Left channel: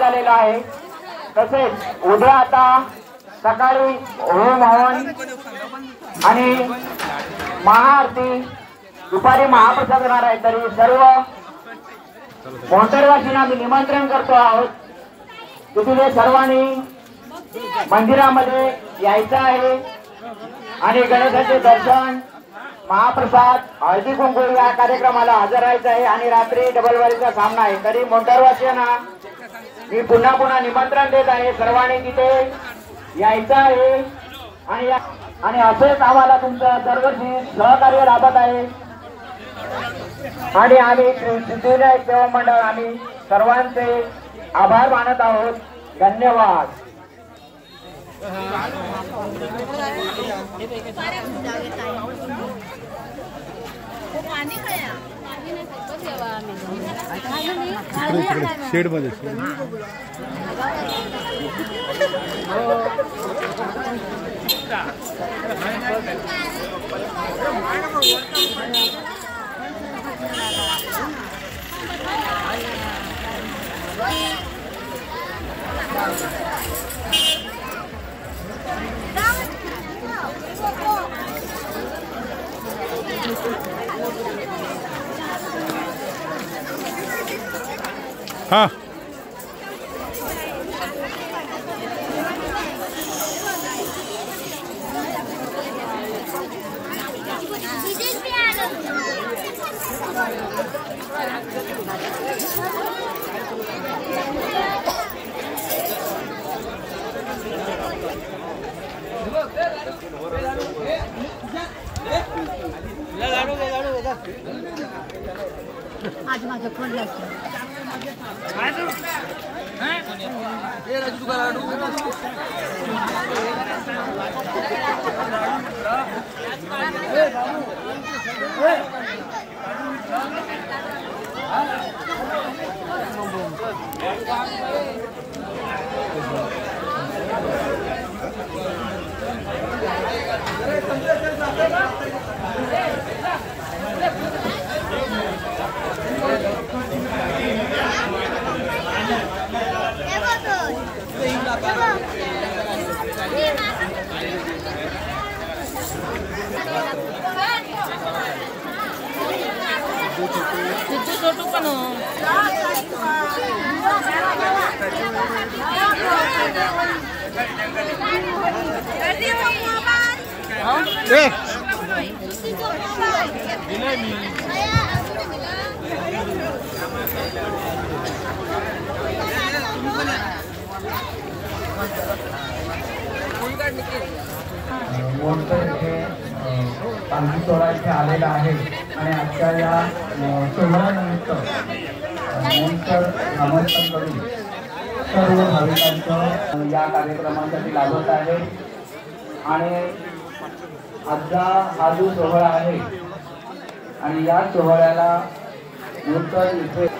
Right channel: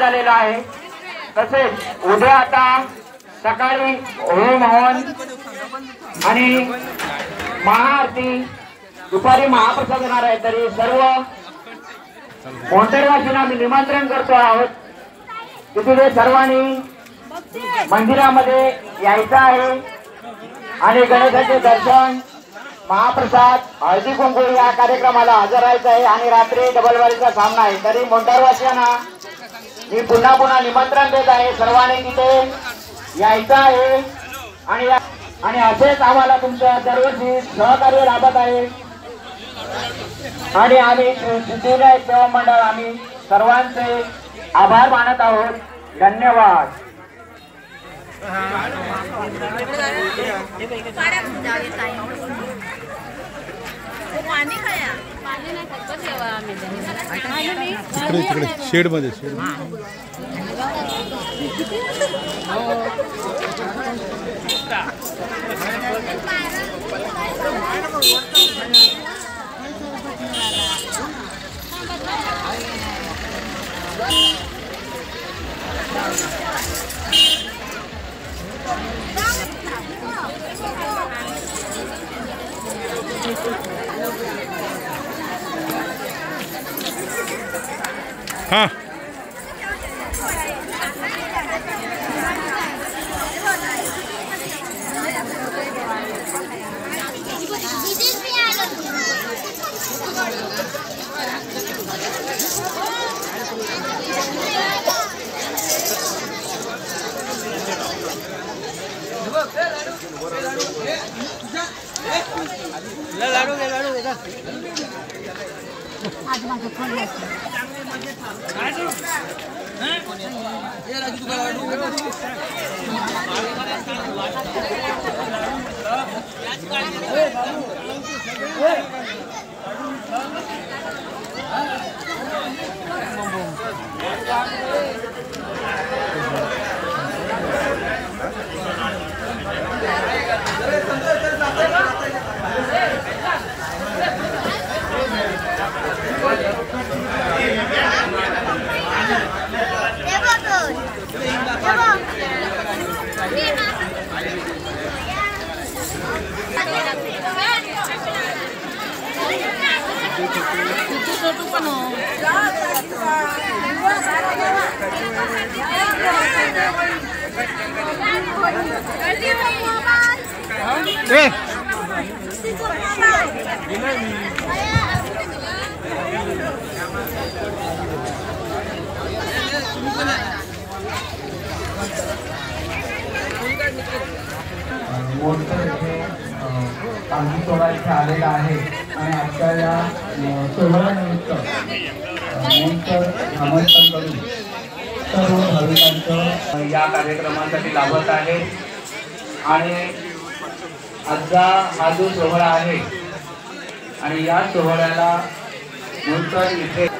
झालेला आहे। तसेच उद्या आता सकाळी होम हवन आणि महाआरती दुपारी महाप्रसाद होणार आहे। तरी सर्व मोंढरवासींना मी निमंत्रण करतो आहोत की तुम्ही सर्वांनी मंदिरामध्ये यायचं आहे आणि गणेशाचे दर्शन महाप्रसाद हळदी कुंकू या कार्यक्रमाला हजर राहायचं आहे आणि रात्री डबलवारीचा सामना आहे। तरी मोंढरवासियांना मी पुन्हा पुन्हा निमंत्रण देत आहे, सर्वांनी तिथे यायचं आहे आणि असेच आम्हाला तुमचं दरवर्षी सहकार्य लाभत आहे आणि आम्ही सिद्धिविनायक सेवा मंडळ आम्ही सर्वांचे आभार मानत आहोत। धन्यवाद। इकडे शेड मध्ये हाँ इथे आलेला आहे आणि आजच्या या सोहळ्यानिमित्त आमंत्रण करून सर्व भाविकांचं या कार्यक्रमासाठी लाभत आहे। आणि आजचा हा जो सोहळा आहे आणि या सोहळ्याला मूळकर इथे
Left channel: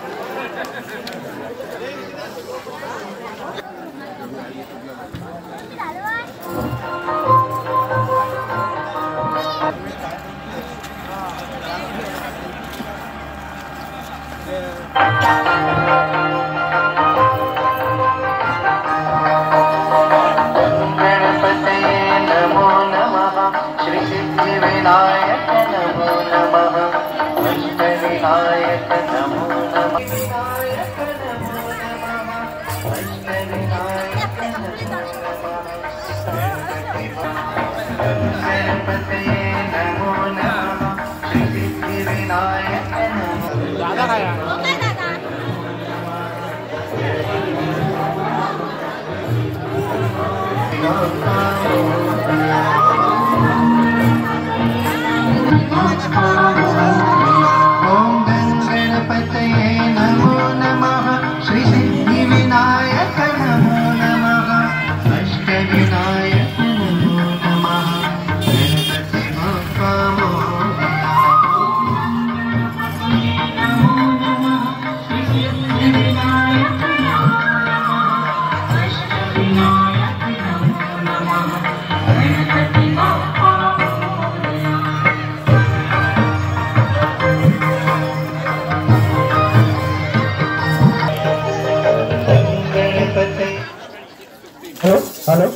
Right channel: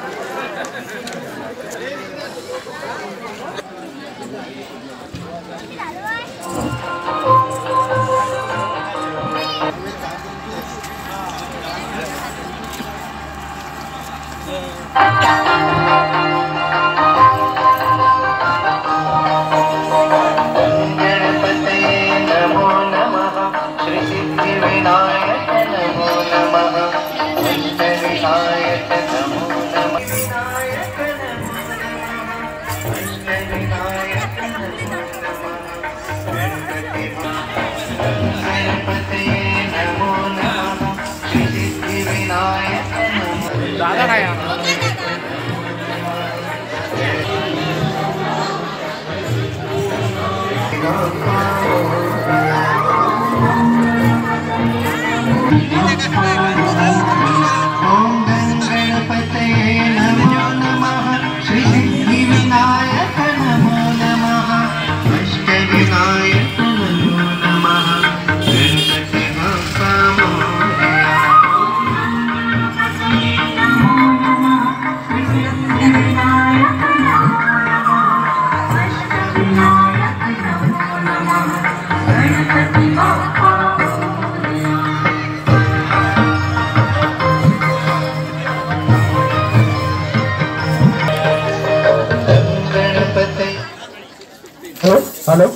हॅलो,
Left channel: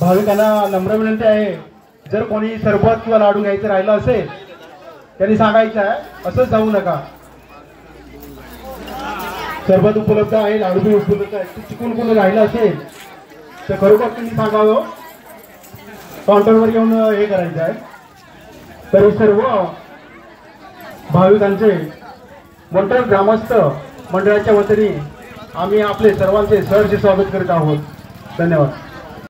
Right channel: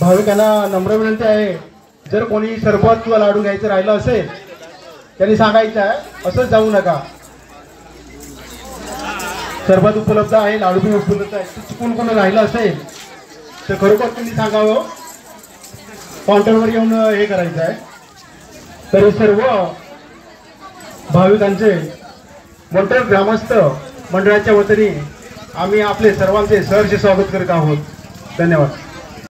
भाविकांना नम्र विनंती आहे, जर कोणी सरबत किंवा लाडू घ्यायचं राहिलं असेल त्यांनी सांगायचं आहे, असंच जाऊ नका. सरबत उपलब्ध आहे, लाडू बी उपलब्ध आहे. चुकून कोणी राहिलं असेल तर खरोखर तुम्ही सांगावं, काउंटरवर येऊन हे करायचं आहे. तरी सर्व भाविकांचे मंडळ ग्रामस्थ मंडळाच्या वतीने आम्ही आपले सर्वांचे सहर्ष स्वागत करीत आहोत. धन्यवाद.